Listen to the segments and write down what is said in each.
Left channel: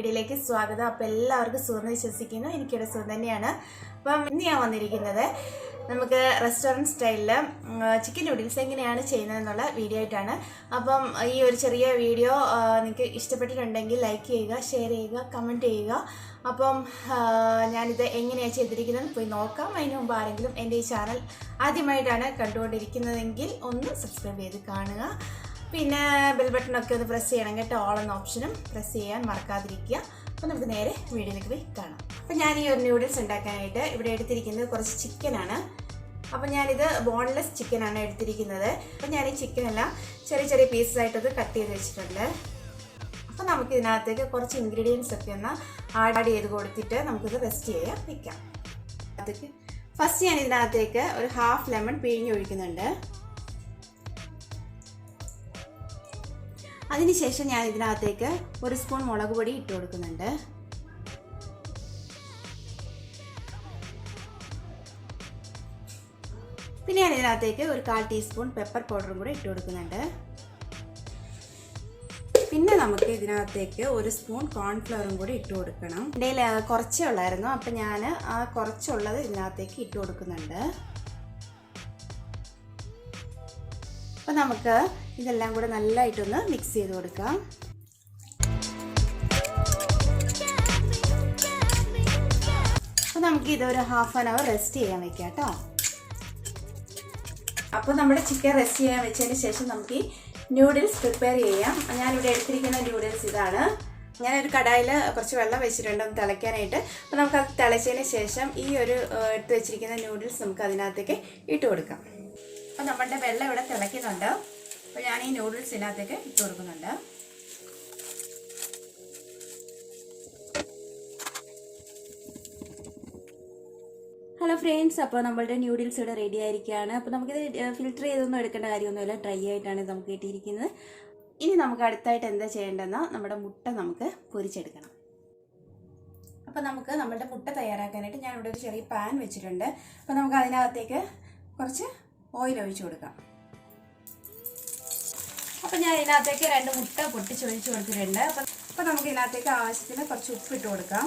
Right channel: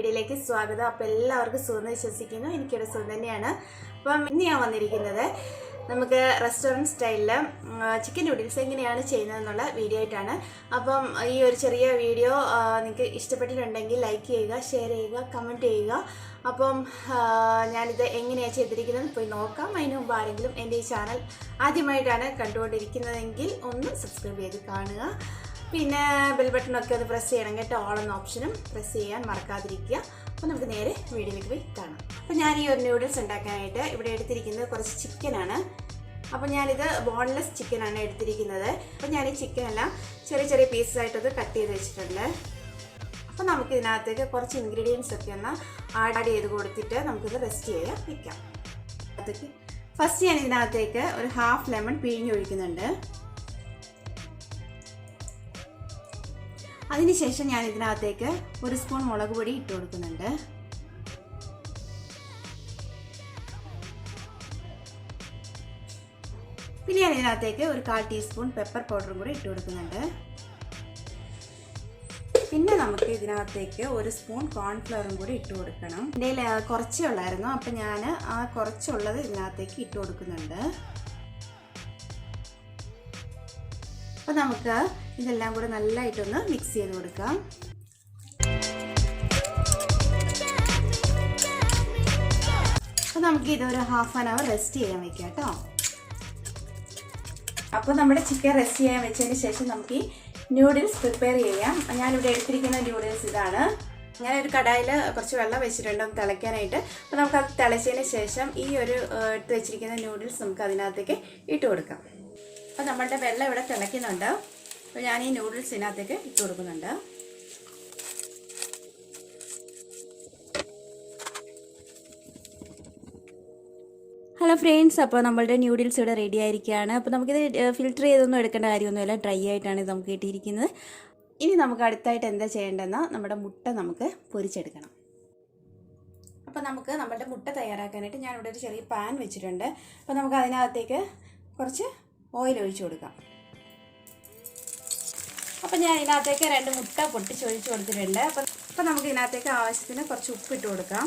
വീഡിയോയിലേക്ക് സ്വാഗതം. അപ്പോൾ എല്ലാവർക്കും സുഖം വിശ്വസിക്കുന്നു. എനിക്കിവിടെ സുഖം തന്നെയാണ്. അപ്പം ഇന്ന് ഞാൻ വന്നിരിക്കുന്നത് നമുക്ക് റെസ്റ്റോറൻറ്റ് സ്റ്റൈലിൽ ചിക്കൻ നൂഡിൽസ് എങ്ങനെയാണ് ചെയ്യുന്നതെന്നുള്ള വീഡിയോ ആയിട്ടാണ്. അപ്പം ഈ ഒരു ചെറിയ വീഡിയോ നിങ്ങൾക്ക് ഇഷ്ടപ്പെട്ടിട്ടുണ്ടെങ്കിൽ ലൈക്ക് ചെയ്യുക, ഷെയർ ചെയ്യുക, കമൻറ്റ് ചെയ്യുക. അപ്പം ഞാനിത് എങ്ങനെയാണ് ചെയ്തിരിക്കുന്നത് പോയി നോക്കാം. അതിന് മുമ്പ് ആരെങ്കിലും എൻ്റെ ഈ ചാനൽ ആദ്യമായിട്ടാണ് കണ്ടുകൊണ്ടിരിക്കുന്നതെങ്കിൽ ഒന്ന് സബ്സ്ക്രൈബ് ചെയ്ത് കാണുക. പിന്നെ ബെൽ ബട്ടണൊക്കെ ഒന്ന് പ്രസ് ചെയ്യണം കേട്ടോ. ഓൾ എന്ന ഓപ്ഷനും പ്രസ് ചെയ്യാൻ മറക്കാതിരിക്കുക. അപ്പോൾ നമുക്ക് നേരെ വീഡിയോയിലേക്ക് പോയി കാണാം. അപ്പോൾ ഞാൻ ഈ ഒരു നൂഡിൽസ് ഉണ്ടാക്കാനായിട്ട് ഇവിടെ എടുത്തിരിക്കുന്നത് കുറച്ച് ചിക്കനാണ്. അപ്പോൾ ഞാനിത് ബോൺലെസ് ചിക്കനാണ് എടുത്തിരിക്കുന്നത്. അപ്പോൾ ഞാൻ ഈ ചിക്കനെല്ലാം ചെറിയ ചെറിയ പീസസായിട്ടത് കട്ട് ചെയ്ത് വെച്ചിട്ടുണ്ട്. അപ്പോൾ നമുക്ക് ഇതിനകത്തേക്ക് കുറച്ച് ഇൻഗ്രീഡിയൻസ് ഒക്കെ ഒന്ന് ആഡ് ചെയ്ത് കൊടുത്തിട്ട് നമുക്കിത് റെസ്റ്റ് ചെയ്യാൻ വയ്ക്കാം. അതൊക്കെ ഫസ്റ്റ് ഞാൻ ഇതിനകത്തേക്ക് ഒരു ഹാഫ് ലെമൺ പിഴിഞ്ഞ് ഒഴിക്കുന്നുണ്ട്. അതിനുശേഷം ഞാൻ ഇതിനകത്തേക്ക് ഒരു സ്പൂൺ മുളക് പൊടി ഇട്ട് കൊടുക്കുന്നുണ്ട്. പിന്നെ ഞാൻ ഇതിനകത്തേക്ക് ഒരു 1/4 ടീസ്പൂൺ പെപ്പർ പൗഡറും കൂടെ ഇട്ട് കൊടുക്കുന്നുണ്ട്. പിന്നെ നമുക്ക് ഇതിനകത്തേക്ക് ഒരു സ്പൂൺ കോൺഫ്ലവറും കൂടി ഇട്ട് കൊടുക്കണം. എൻ്റെ കുറച്ചേ ഉള്ളായിരുന്നു, അപ്പം ഞാൻ ആ കുറച്ചുള്ളത് ഇതിനകത്തേക്ക് ഇട്ട് കൊടുക്കുന്നുണ്ട്. അപ്പോൾ നമുക്ക് ഇതെല്ലാം കൂടെ നല്ലതായിട്ടൊന്ന് മിക്സ് ചെയ്ത് കൊടുക്കാം. അപ്പോൾ നമുക്ക് ഇതൊരു ½ ആൻ അവർ റെസ്റ്റ് ചെയ്യാൻ വെക്കാം കേട്ടോ. അപ്പോൾ നമ്മുടെ ചിക്കൻ റെസ്റ്റ് ചെയ്യാൻ വെച്ചതിന് ശേഷം നമുക്ക് ഈ നൂഡിൽസ് പ്രിപ്പയർ ചെയ്യാം. ഞാനിവിടെ എടുത്തിരിക്കുന്ന നൂഡിൽസ് ഇതാണ്. ഞാനൊരു കടായിൽ കുറച്ച് വെള്ളം വെച്ചിട്ടുണ്ട് ഒന്ന് തിളയ്ക്കാനായിട്ട്. അപ്പോൾ നമുക്കത് തിളച്ചതിന് ശേഷം ഈ ഒരു എടുത്ത് വെച്ചിരിക്കുന്ന നൂഡിൽസ് നമുക്ക് അതിനകത്തേക്ക് ഇട്ട് കൊടുക്കാം. അപ്പോൾ നമ്മളുടെ വെള്ളം ഇവിടെ തിളയ്ക്കുന്നുണ്ട്. അപ്പോൾ ഞാൻ ഈ നൂഡിൽസ് ഇതിനകത്തേക്ക് ഇട്ട് കൊടുക്കുന്നുണ്ട്. ഹലോ ഫ്രണ്ട്സ്, അപ്പോൾ നമ്മളുടെ നൂഡിൽസ് ഇവിടെ റെഡി ആയിരിക്കുകയാണ്. അപ്പോൾ നമുക്കിത് ഫിൽറ്റർ ചെയ്തൊന്നും എടുക്കേണ്ട കാര്യമൊന്നുമില്ല, ഡ്രൈ ആയിട്ടാണ് ഇത് നമുക്ക് കിട്ടിയിരിക്കുന്നത്. ഇനി നമുക്ക് അടുത്തായിട്ട് എന്താ ചെയ്യേണ്ടതെന്നാൽ നമ്മുടെ മുട്ട നമുക്ക് പൊരിച്ചെടുക്കണം. അപ്പോൾ നമുക്ക് നമ്മുടെ മുട്ട തയ്യാറാക്കാനായിട്ട് ഞാനിവിടെ ഒരു ചെറിയ പാൻ വെച്ചിട്ടുണ്ട്. അപ്പോൾ നമുക്ക് അതിനകത്തേക്ക് കുറച്ച് ഓയിൽ ഒഴിച്ചു കൊടുക്കാം. അപ്പോൾ ഞാൻ ഇതിനകത്തേക്ക് 2 മുട്ട പൊട്ടിച്ചൊഴിച്ച് കൊടുത്തിട്ടുണ്ട്. അപ്പോൾ നമുക്ക് ഇതിനകത്തേക്ക് ആവശ്യത്തിന് കുറച്ച് ഉപ്പ് ഇട്ട് കൊടുക്കാം.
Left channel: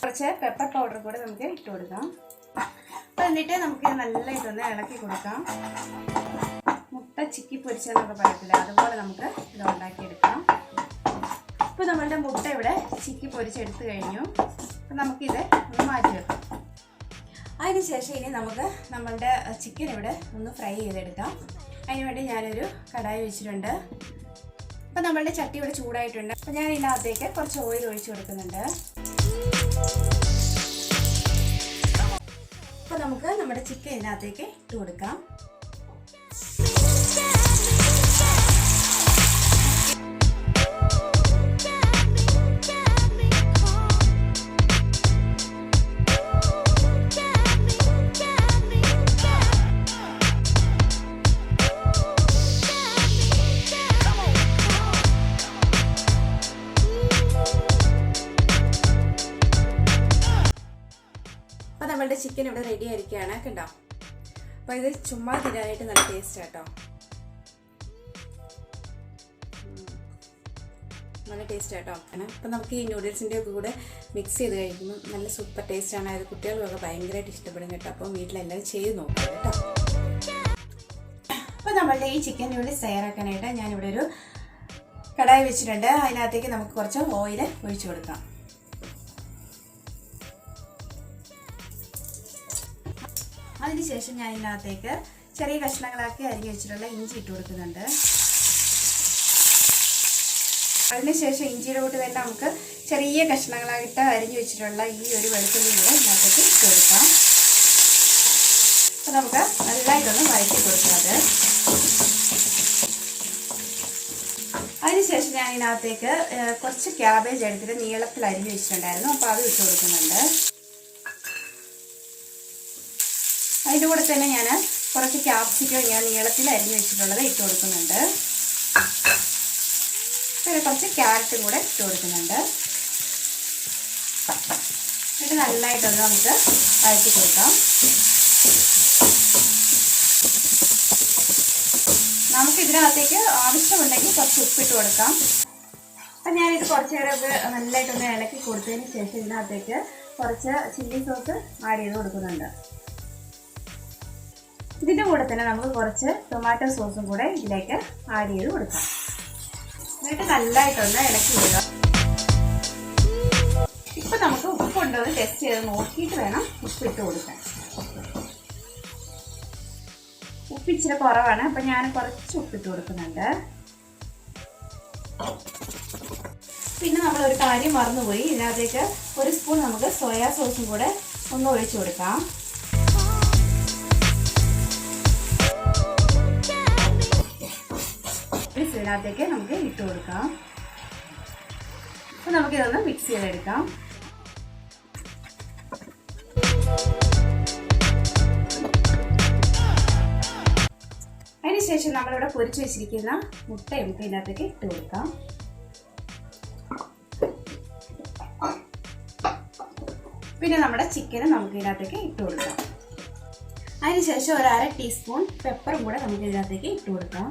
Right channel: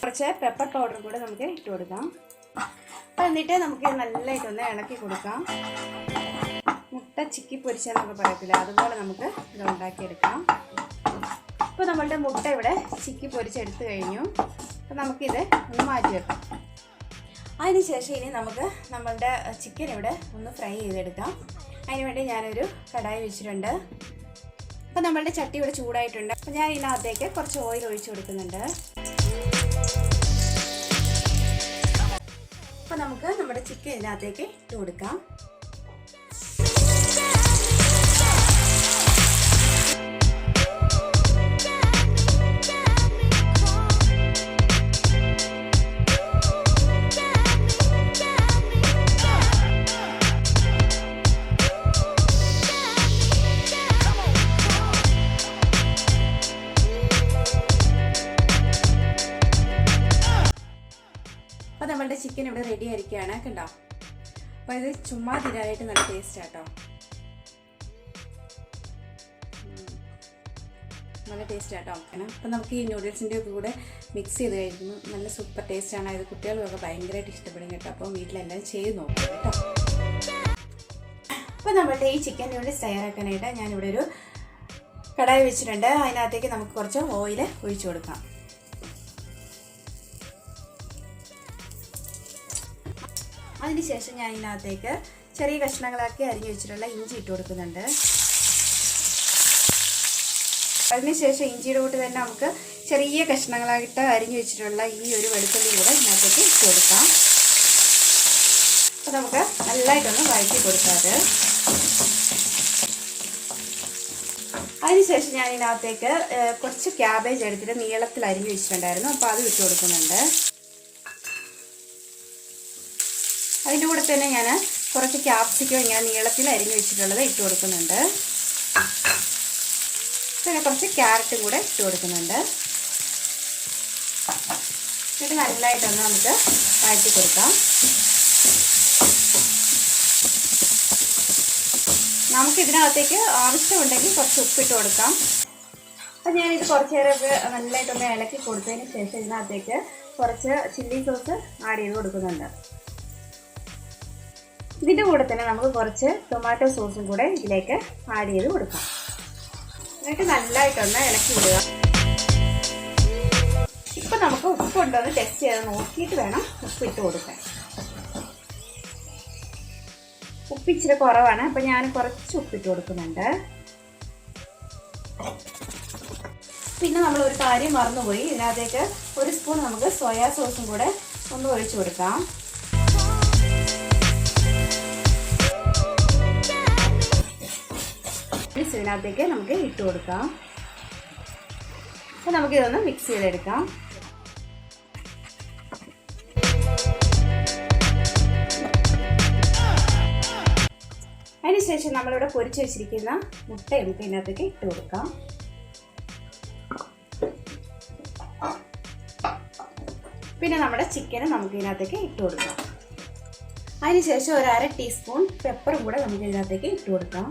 കുറച്ച് പെപ്പർ പൗഡർ കൂടെ നമുക്ക് ഇട്ട് കൊടുക്കാം. അപ്പോൾ എന്നിട്ട് നമുക്ക് നല്ലതായിട്ടൊന്ന് ഇളക്കി കൊടുക്കാം. മുട്ട ചിക്കി പൊരിച്ചെന്നൊക്കെ പറയത്തില്ല, അതുപോലെ നമുക്ക് ഇത് ഉണ്ടാക്കിയെടുക്കാം. അപ്പോൾ നമ്മളുടെ മുട്ട ഇവിടെ ചിക്കി പൊരിച്ചെടുത്ത് കഴിഞ്ഞു. അപ്പോൾ നമുക്കിത് ഒന്ന് മാറ്റി വെക്കാം. അതിനുശേഷം ഇനി നമുക്ക് നമ്മളുടെ ചിക്കൻ ഇവിടെ ഒന്ന് ഫ്രൈ ചെയ്തെടുക്കാം. അതിനുവേണ്ടി ഞാനൊരു കടായി വെച്ചിട്ടുണ്ട്. അപ്പോൾ നമ്മളുടെ ചട്ടി ഇവിടെ ചൂടായിട്ടുണ്ട്. അപ്പോൾ ഞാൻ ഇതിനകത്തേക്ക് കുറച്ച് ഓയിൽ ഒഴിച്ചു കൊടുക്കുന്നുണ്ട്. അപ്പോൾ നമുക്ക് നമ്മുടെ ചിക്കൻ ഇതിനകത്തേക്ക് ഇട്ട് കൊടുക്കാം. അപ്പോൾ നമ്മളുടെ ചിക്കൻ ഇവിടെ റെഡി ആയിരിക്കുകയാണ് കണ്ടോ. അപ്പോൾ ഇത് ചുമ്മാ തിരാനായിട്ട് നല്ല ടേസ്റ്റ് ആട്ടോ, നല്ല ടേസ്റ്റ് ആട്ടോ. അപ്പോൾ നമുക്ക് ഈ നൂഡിൽസിൻ്റെ കൂടെ മിക്സ് ചെയ്ത് കഴിക്കുമ്പോൾ നല്ല സൂപ്പർ ടേസ്റ്റാണ്. ഇത് കുട്ടികൾക്കൊക്കെ ഭയങ്കരമായിട്ട് ഇഷ്ടപ്പെടും കേട്ടോ. അപ്പോൾ വീട്ടിലെല്ലാവരും ചെയ്ത് നോക്കാം കേട്ടോ. അപ്പോൾ നമ്മളുടെ ഈ ചിക്കൻ നൂഡിൽസ് തയ്യാറാക്കാനായിട്ട് ഞാനിവിടെ ഒരു കടായി വെച്ചിട്ടുണ്ട്. അതിനകത്തേക്ക് നമുക്ക് കുറച്ച് ഓയിൽ ഒഴിച്ചു കൊടുക്കാം. അതിനുശേഷം ഞാൻ ഇതിനകത്തേക്ക് ചെറിയ കഷ്ണങ്ങളാക്കി അരിഞ്ഞു വെച്ചിട്ടുള്ള ഇഞ്ചി ഇട്ട് കൊടുക്കുന്നുണ്ട്. അതിനുശേഷം ഇഞ്ചിയുടെ കൂട്ട് തന്നെ നമുക്ക് ചെറിയ കഷ്ണങ്ങളായിട്ട് അരിഞ്ഞു വെച്ചിട്ടുള്ള ഈ ഒരു വെളുത്തുള്ളി കൂടെ ഇതിനകത്തേക്ക് ഇട്ട് കൊടുക്കാം. അപ്പോൾ നമുക്ക് നല്ലതായിട്ടൊന്ന് വഴറ്റി കൊടുക്കാറ്. അതിനുശേഷം ഞാൻ ഇതിനകത്തേക്ക് കുറച്ച് ക്യാബേജ് എടുത്തിട്ട് നീളത്തിൽ അരിഞ്ഞു വെച്ചിട്ടുണ്ടായിരുന്നു. അപ്പോൾ അത് ഇട്ട് കൊടുക്കുന്നുണ്ട്. അതിൻ്റെ കൂടെ തന്നെ ഞാൻ കുറച്ച് ക്യാപ്സിക്കം ഞാൻ നീളത്തിൽ അരിഞ്ഞു വെച്ചിട്ടുള്ളത് ഇട്ട് കൊടുക്കുന്നുണ്ട്. പിന്നെ കുറച്ച് ക്യാരറ്റും കൂടെ ഇട്ട് കൊടുക്കുന്നുണ്ട്. എന്നിട്ട് നല്ലതായിട്ടൊന്ന് നമുക്ക് വഴറ്റി കൊടുക്കാം. നമുക്ക് ഇതിനകത്തേക്ക് ആവശ്യമുണ്ടെങ്കിൽ കുറച്ച് ഉപ്പിട്ട് കൊടുക്കാം. അപ്പം ഞാനിത് കുറച്ച് നേരമൊക്കെ നല്ലതായിട്ടൊന്ന് ഇളക്കി കൊടുത്തതിന് ശേഷം ഇതിനകത്തേക്ക് കുറച്ച് ചില്ലി സോസ് ആഡ് ചെയ്ത് കൊടുക്കുന്നുണ്ട്. ഇതിൻ്റെ കൂടെ തന്നെ നമുക്ക് കുറച്ച് ടൊമാറ്റോ സോസും കൂടെ ഇതിലേക്ക് ആഡ് ചെയ്ത് കൊടുക്കാം. എന്നിട്ട് നല്ലതായിട്ടൊന്ന് ഇളക്കി വിടുക. ഇപ്പം നമുക്ക് ഉപ്പുണ്ടോ എന്ന് ടെസ്റ്റ് ചെയ്ത് നോക്കിയിട്ട് വേണം ഉപ്പിട്ട് കൊടുക്കാൻ. ഉപ്പ് ഇച്ചിരി കുറവാണ്, അപ്പം ഞാൻ കുറച്ച് ഉപ്പിട്ട് കൊടുക്കുന്നുണ്ട്. പിന്നെ നമ്മളൊരു കാര്യം മറന്നുപോയി, ഇതിനകത്തേക്ക് ഒരു സ്പൂൺ നമുക്ക് സോയാ സോസും കൂടെ ഒന്ന് ഒഴിച്ചു കൊടുക്കാം. ഇതിനകത്തേക്ക് നമുക്ക് ഇട്ട് കൊടുക്കാം. അപ്പോൾ നമുക്കിതൊന്ന് മിക്സ് ചെയ്തെടുക്കാം. അതിനുശേഷം നമ്മളിവിടെ പൊരിച്ചു വെച്ചിരിക്കുന്ന മുട്ട നമുക്ക് ഇതിനകത്തേക്ക് ഇട്ട് കൊടുക്കാം. പിന്നെ നമ്മുടെ ചിക്കനും നമുക്ക് ഇതിനകത്തേക്ക് ഇട്ട് കൊടുക്കാം. അതിനുശേഷം ഒരു 1/2 ടീസ്പൂൺ പെപ്പറും കൂടെ നമുക്ക് ഇതിനകത്തേക്ക് ഇട്ട് കൊടുക്കാം.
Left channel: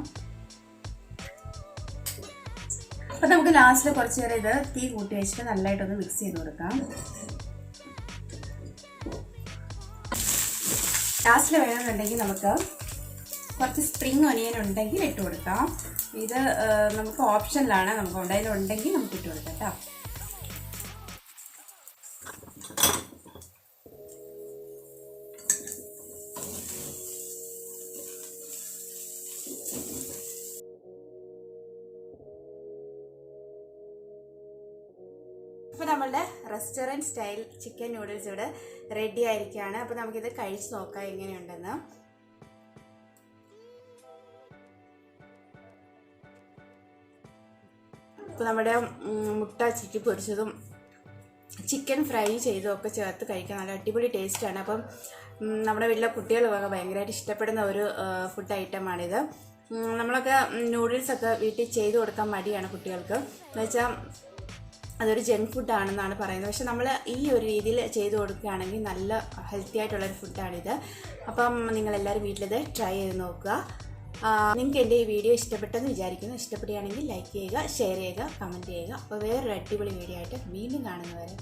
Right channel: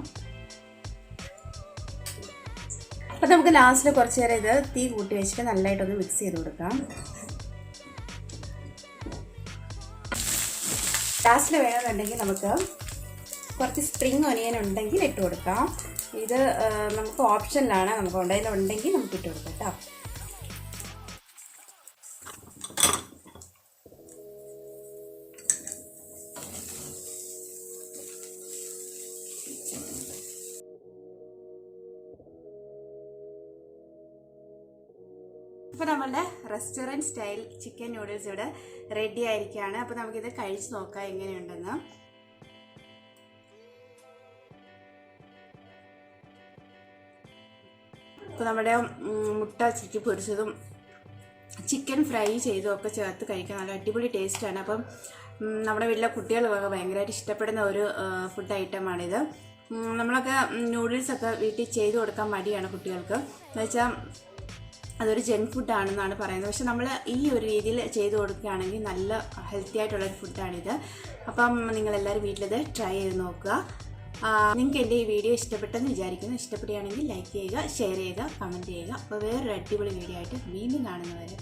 അപ്പം നമുക്ക് ലാസ്റ്റിൽ കുറച്ച് നേരം ഇത് തീ കൂട്ടി വെച്ചിട്ട് നല്ലതായിട്ടൊന്ന് മിക്സ് ചെയ്ത് കൊടുക്കാം. ലാസ്റ്റിൽ വേണമെന്നുണ്ടെങ്കിൽ നമുക്ക് കുറച്ച് സ്പ്രിംഗ് ഒനിയൻ ഉണ്ടെങ്കിൽ ഇട്ട് കൊടുക്കാം. ഇത് നമുക്ക് ഓപ്ഷനിലാണ്, നമുക്ക് ഉണ്ടെങ്കിൽ നമുക്ക് ഇട്ട് കൊടുക്കാം കേട്ടോ. അപ്പോൾ നമ്മളുടെ റെസ്റ്റോറൻറ്റ് സ്റ്റൈൽ ചിക്കൻ നൂഡിൽസ് ഇവിടെ റെഡി ആയിരിക്കുകയാണ്. അപ്പോൾ നമുക്കിത് കഴിച്ച് നോക്കാം എങ്ങനെയുണ്ടെന്ന്. ഇപ്പോൾ നമ്മുടെ മുട്ട ചിക്കി പൊരിച്ചതും ചിക്കൻ ഫ്രൈ ചെയ്തും ഒക്കെ ചേർത്ത് കഴിക്കാൻ നല്ല അടിപൊളി ടേസ്റ്റാണ്. അപ്പം നമ്മുടെ വീട്ടിലെ കുട്ടികൾക്കൊക്കെ ഭയങ്കരമായിട്ട് ഇഷ്ടപ്പെടുന്ന ഒരു ഫുഡ് ഐറ്റമാണിത്. നമ്മളൊക്കെ നൂഡിൽസൊക്കെ വീട്ടിൽ ചെയ്ത് കൊടുക്കാൻ മടിയാണ് കുട്ടികൾക്ക്, എന്നുവെച്ചാൽ അതൊരു ജങ്ക് ഫുഡാണെന്നാണ് പറയുന്നത്. പക്ഷെ നമ്മൾ ഈ ഒരു രീതിയിൽ ചെയ്ത് കൊടുക്കുകയാണെങ്കിൽ നല്ല ഹെൽത്തി ആയിട്ടുള്ളൊരു ഫുഡാണിത്. അപ്പം നിങ്ങളെല്ലാവരും വീട്ടിലിത് ട്രൈ ചെയ്ത് നോക്കുക. നിങ്ങൾക്ക് എൻ്റെ ഈ വീഡിയോ ഇഷ്ടപ്പെട്ടെന്ന് വിചാരിക്കുന്നു. ഇഷ്ടപ്പെടുകയാണെങ്കിൽ ലൈക്ക് ചെയ്യുക, ഷെയർ ചെയ്യുക, കമൻറ്റ് ചെയ്യുക. അപ്പോൾ വേറൊരു അടിപൊളി വീഡിയോ ആയിട്ട് വീണ്ടും കാണുന്നവരെ.